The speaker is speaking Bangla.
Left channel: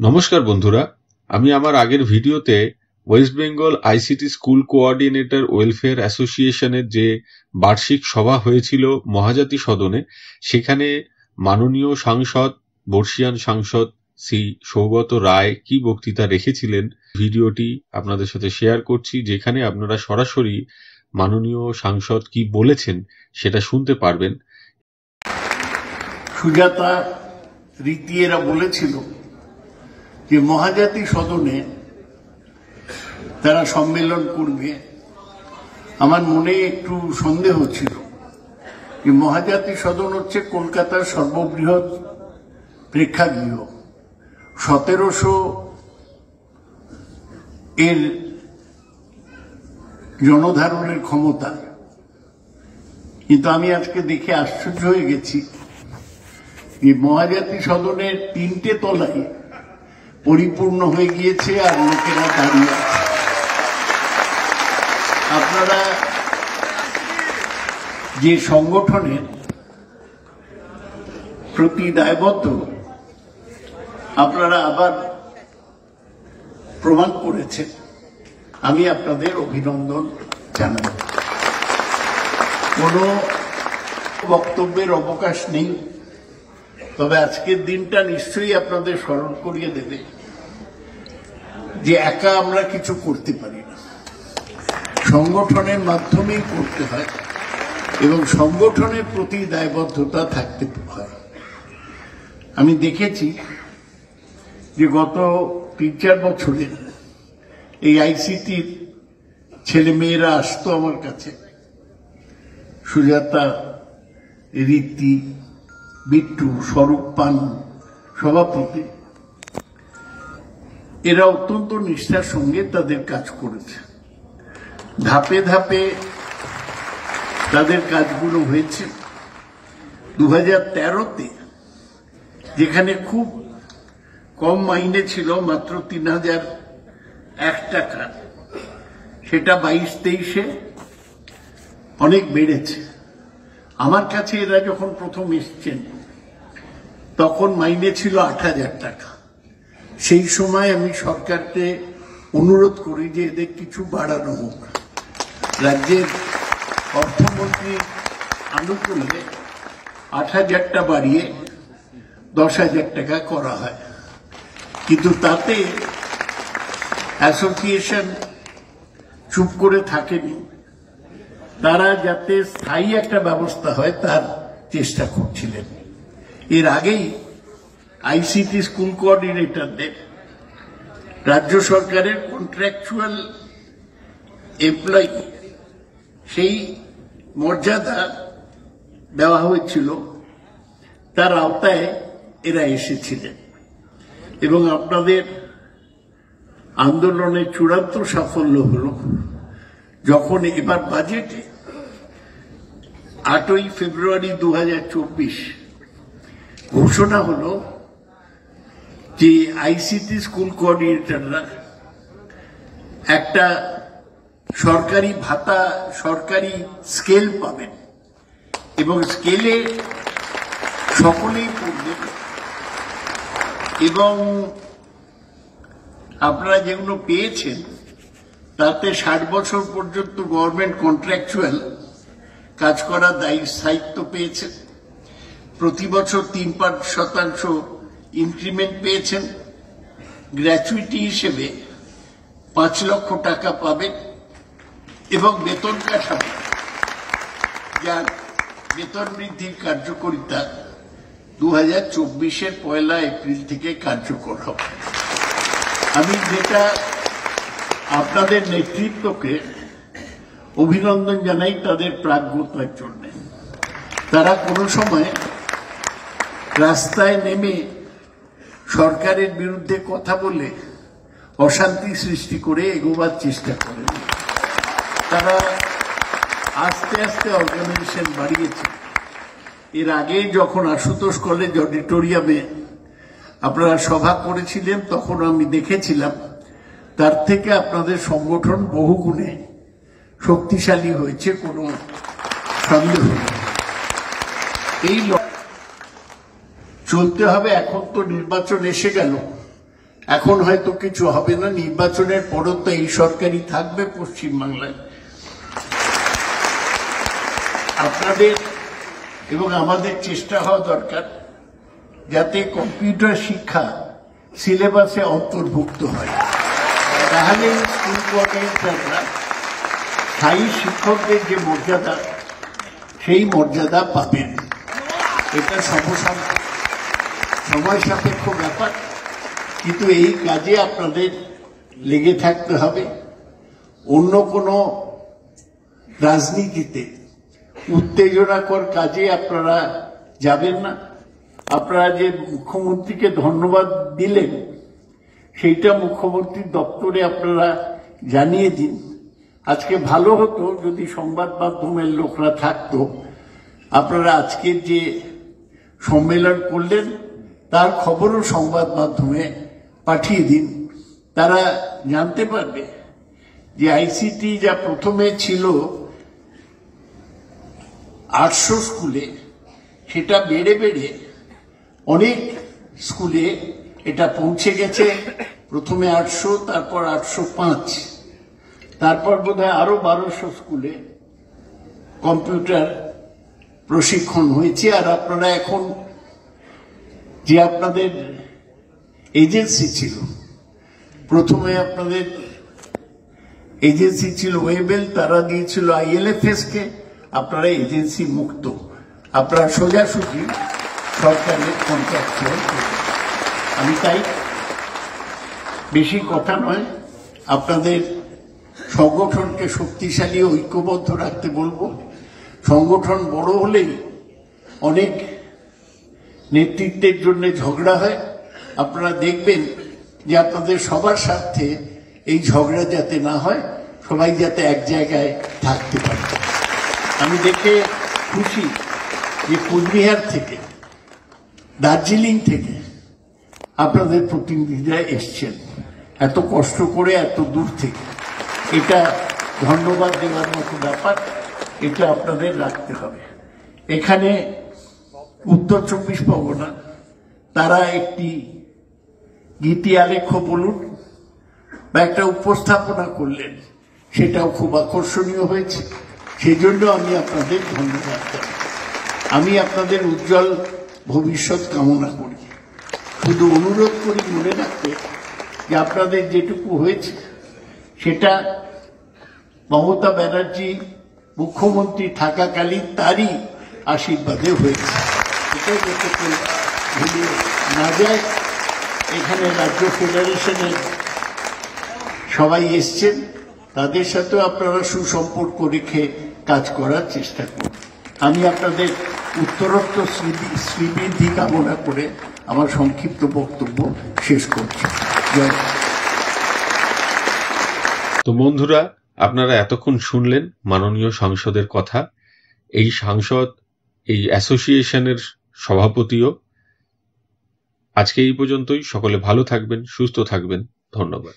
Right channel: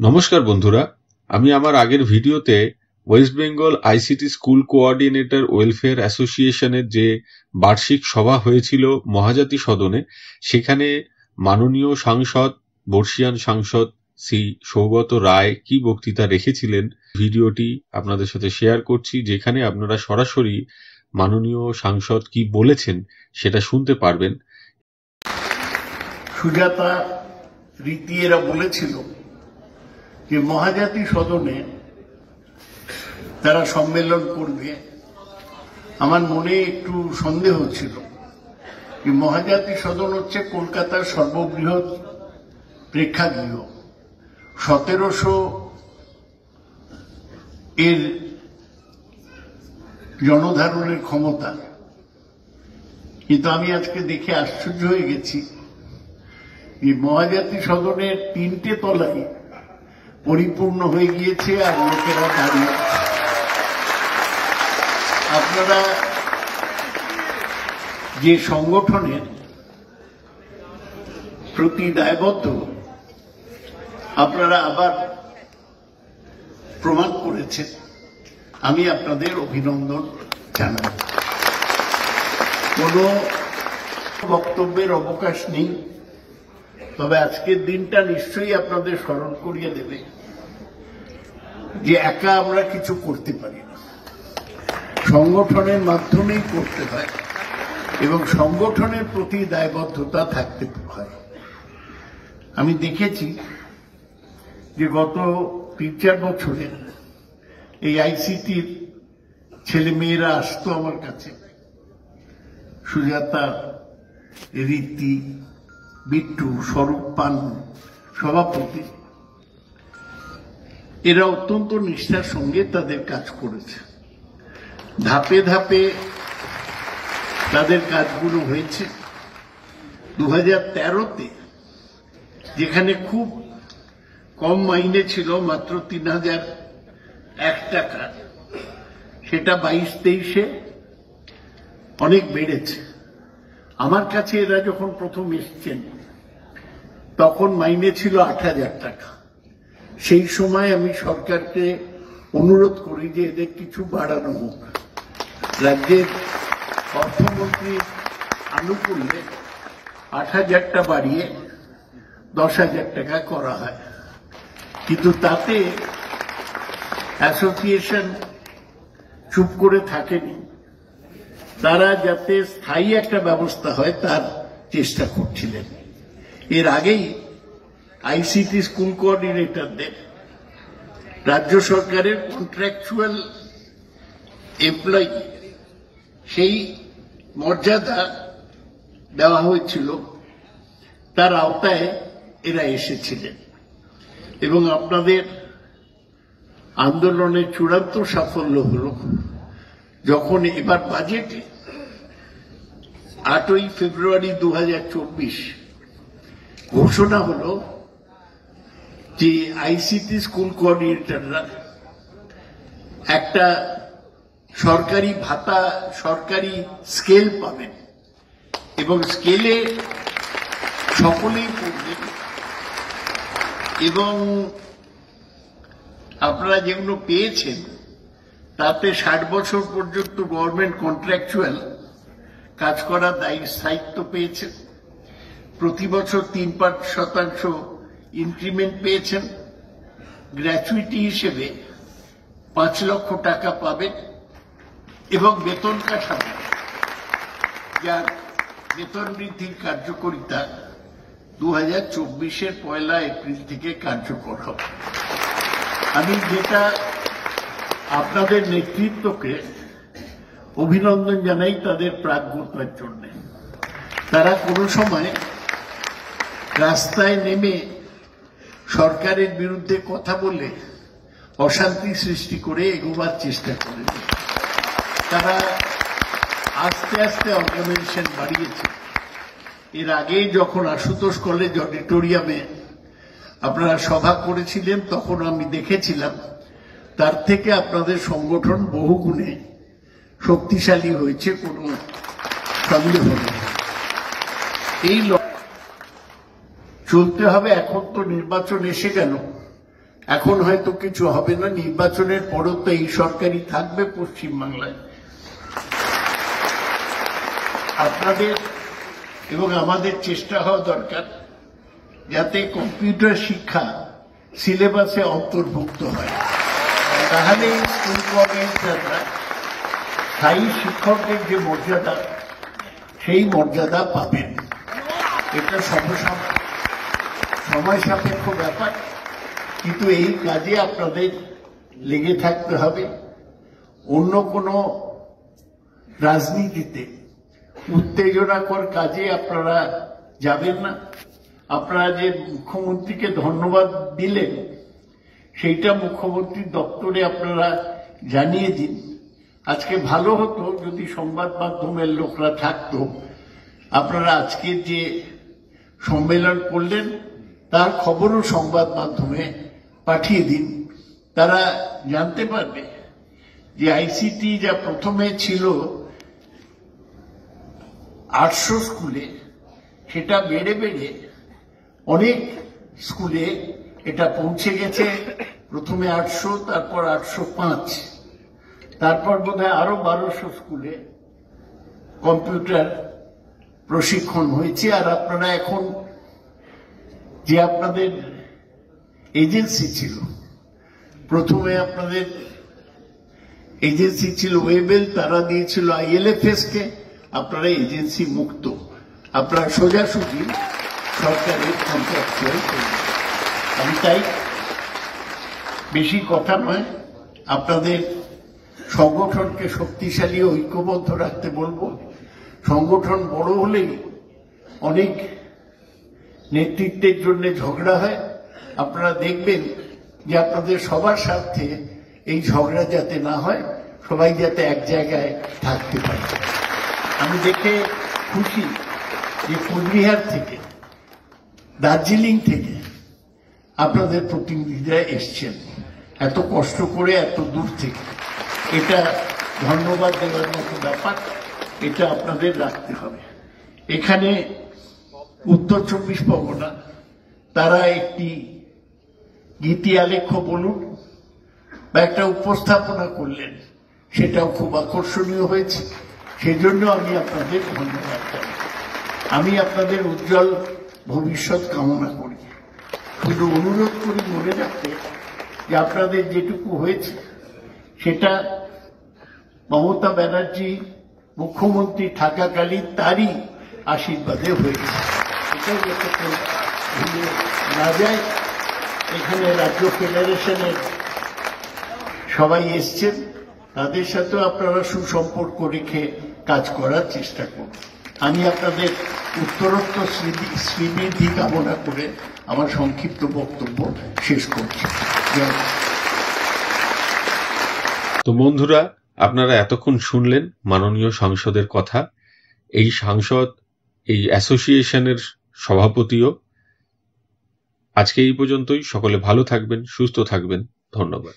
নমস্কার বন্ধুরা, আমি আমার আগের ভিডিওতে West Bengal ICT school coordinator welfare অ্যাসোসিয়েশনের যে বার্ষিক সভা হয়েছিল মহাজাতি সদনে, সেখানে মাননীয় সাংসদ, বর্ষীয়ান সাংসদ শ্রী সৌগত রায় কি বক্তৃতা রেখেছিলেন, ভিডিওটি আপনাদের সাথে শেয়ার করছি, যেখানে আপনারা সরাসরি মাননীয় সাংসদ কি বলেছেন সেটা শুনতে পারবেন। সুজাতা রীতি এরা বলেছিল যে মহাজাতি সদনে তারা সম্মেলন করবে। আমার মনে একটু সন্দেহ ছিল যে মহাজাতি সদন হচ্ছে কলকাতার সর্ববৃহৎ প্রেক্ষাগৃহ, 1700 এর জনধারণের ক্ষমতা। কিন্তু আমি আজকে দেখে আশ্চর্য হয়ে গেছি যে মহাজাতি সদনের 3টে তলায় পরিপূর্ণ হয়ে গিয়েছে আর লোকেরা দাঁড়িয়ে। আপনারা যে সংগঠনের প্রতি দায়বদ্ধ, আপনারা আবার প্রমাণ করেছে। আমি আপনাদের অভিনন্দন জানাই। কোনো বক্তব্যের অবকাশ নেই, তবে আজকের দিনটা নিশ্চয়ই আপনাদের স্মরণ করিয়ে দেবে যে একা আমরা কিছু করতে পারি না, সংগঠনের মাধ্যমেই করতে হয় এবং সংগঠনের প্রতি দায়বদ্ধতা থাকতে হয়। আমি দেখেছি যে গত 3-4 বছরে এই আইসিটির ছেলে মেয়েরা আসতো আমার কাছে, সুজাতা, রীতি, বিট্টু, স্বরূপ পান সভাপতি, এরা অত্যন্ত নিষ্ঠার সঙ্গে তাদের কাজ করেছে। ধাপে ধাপে তাদের কাজগুলো হয়েছে। 2013-তে যেখানে খুব কম মাইনে ছিল, মাত্র 3001 টাকা, সেটা 22-23-এ অনেক বেড়েছে। আমার কাছে এরা যখন প্রথম এসেছেন তখন মাইনে ছিল 8000 টাকা। সেই সময় আমি সরকারকে অনুরোধ করি যে এদের কিছু বাড়ানো হোক। রাজ্যের অর্থমন্ত্রীর আনুকূল্যে 8000টা বাড়িয়ে 10,000 টাকা করা হয়, কিন্তু তাতে অ্যাসোসিয়েশন চুপ করে থাকেনি। তারা যাতে স্থায়ী একটা ব্যবস্থা হয় তার চেষ্টা করছিলেন। এর আগেই আইসিটি স্কুল কোঅর্ডিনেটরদের রাজ্য সরকারের কন্ট্রাকচুয়াল এমপ্লয়ি সেই মর্যাদা দেওয়া হয়েছিল, তার আওতায় এরা এসেছিলেন এবং আপনাদের আন্দোলনের চূড়ান্ত সাফল্য হল যখন এবার বাজেটে 8ই ফেব্রুয়ারি 2024 ঘোষণা হলো যে আইসিটি স্কুল কোঅর্ডিনেটররা একটা সরকারি ভাতা, সরকারি স্কেল পাবেন এবং স্কেলে সকলেই পড়বেন এবং আপনারা যেগুলো পেয়েছেন তাতে 60 বছর পর্যন্ত গভর্নমেন্ট কন্ট্রাকচুয়াল কাজ করার স্থায়িত্ব পেয়েছেন। প্রতি বছর 3% ইনক্রিমেন্ট পেয়েছেন। গ্র্যাচুইটি হিসেবে 5 লক্ষ টাকা পাবেন এবং বেতন কাঠামো, যার বেতন বৃদ্ধির কার্যকারিতা 2024-এর 1 এপ্রিল থেকে কার্যকর হবে। আমি যেটা আপনাদের নেতৃত্বকে অভিনন্দন জানাই তাদের প্রাজ্ঞতার জন্য। তারা কোনো সময় রাস্তায় নেমে সরকারের বিরুদ্ধে কথা বলে অশান্তি সৃষ্টি করে এগোবার চেষ্টা করেন। তারা আস্তে আস্তে অর্গানাইজেশন বাড়িয়েছে। এর আগে যখন আশুতোষ কলেজ অডিটোরিয়ামে আপনারা সভা করেছিলেন তখন আমি দেখেছিলাম তার থেকে আপনাদের সংগঠন বহুগুণে শক্তিশালী হয়েছে, কোনো সন্দেহ নেই। এই চলতে হবে। এখন তো নির্বাচন এসে গেল, এখন হয়তো কিছু হবে না, নির্বাচনের পরও তো এই সরকারই থাকবে পশ্চিমবাংলায়। আপনাদের এবং আমাদের চেষ্টা হওয়া দরকার যাতে কম্পিউটার শিক্ষা সিলেবাসে অন্তর্ভুক্ত হয়, তাহলে স্কুল কোঅর্ডিনেটররা স্থায়ী শিক্ষকদের যে মর্যাদা সেই মর্যাদা পাবেন। এটা সময় সাপেক্ষ ব্যাপার, কিন্তু এই কাজে আপনাদের লেগে থাকতে হবে। অন্য কোনো রাজনীতিতে উত্তেজনাকর কাজে আপনারা যাবেন না। আপনারা যে মুখ্যমন্ত্রীকে ধন্যবাদ দিলেন সেইটা মুখ্যমন্ত্রীর দপ্তরে আপনারা জানিয়ে দিন। আজকে ভালো হতো যদি সংবাদ মাধ্যমের লোকরা থাকতো। আপনারা আজকে যে সম্মেলন করলেন তার খবরও সংবাদ মাধ্যমে পাঠিয়ে দিন, তারা জানতে পারবে যে আইসিটি যা প্রথমে ছিল 800 স্কুলে, সেটা বেড়ে বেড়ে অনেক স্কুলে এটা পৌঁছে গেছে। প্রথমে 800, তারপর 805, তারপর বোধহয় আরো 1200 স্কুলে কম্পিউটার প্রশিক্ষণ হয়েছে। আর আপনারা এখন যে আপনাদের এজেন্সি ছিল, প্রথমে আপনাদের এজেন্সি ছিল ওয়েবেল, তারা দিয়েছিল ILFS কে, আপনারা এজেন্সি মুক্ত, আপনারা সোজাসুজি সরকারের কন্ট্রাক্টুয়াল। আমি তাই বেশি কথা নয়, আপনাদের সংগঠনকে শক্তিশালী ঐক্যবদ্ধ রাখতে বলবো। সংগঠন বড় হলেই অনেক নেতৃত্বের জন্য ঝগড়া হয়। আপনারা দেখবেন যে আপনাদের সবার স্বার্থে এই ঝগড়া যাতে না হয়, সবাই যাতে এক জায়গায় থাকতে পারে। আমি দেখে খুশি যে কোচবিহার থেকে, দার্জিলিং থেকে আপনাদের প্রতিনিধিরা এসছেন এত কষ্ট করে, এত দূর থেকে। এটা ধন্যবাদ দেওয়ার মতো ব্যাপার, এটা আপনাদের রাখতে হবে। এখানে উত্তর 24 পরগনা তারা একটি গীতি আলেখ্য বলুন বা একটা উপস্থাপনা করলেন, সেটাও খুব আকর্ষণীয় হয়েছে। সেজন্য আমি আপনাদের ধন্যবাদ জানাই। আমি আপনাদের উজ্জ্বল ভবিষ্যৎ কামনা করি। শুধু অনুরোধ করি মনে রাখতে যে আপনাদের যেটুকু হয়েছে সেটা মমতা ব্যানার্জি মুখ্যমন্ত্রী থাকাকালীন তারই আশীর্বাদে হয়েছে। এটা যাতে ভুলিয়ে না যায়। এখানে রাজ্য ফেডারেশনের সবাই এসছেন, তাদের সাথেও আপনারা সুসম্পর্ক রেখে কাজ করার চেষ্টা করুন। আমি আপনাদের উত্তরোত্তর শ্রীবৃদ্ধি কামনা করে আমার সংক্ষিপ্ত বক্তব্য শেষ করছি। তো বন্ধুরা, আপনারা এতক্ষণ শুনলেন মাননীয় সাংসদের কথা। এই সাংসদ এই অ্যাসোসিয়েশনের সভাপতিও। আজকে এই পর্যন্তই। সকলে ভালো থাকবেন, সুস্থ থাকবেন। ধন্যবাদ।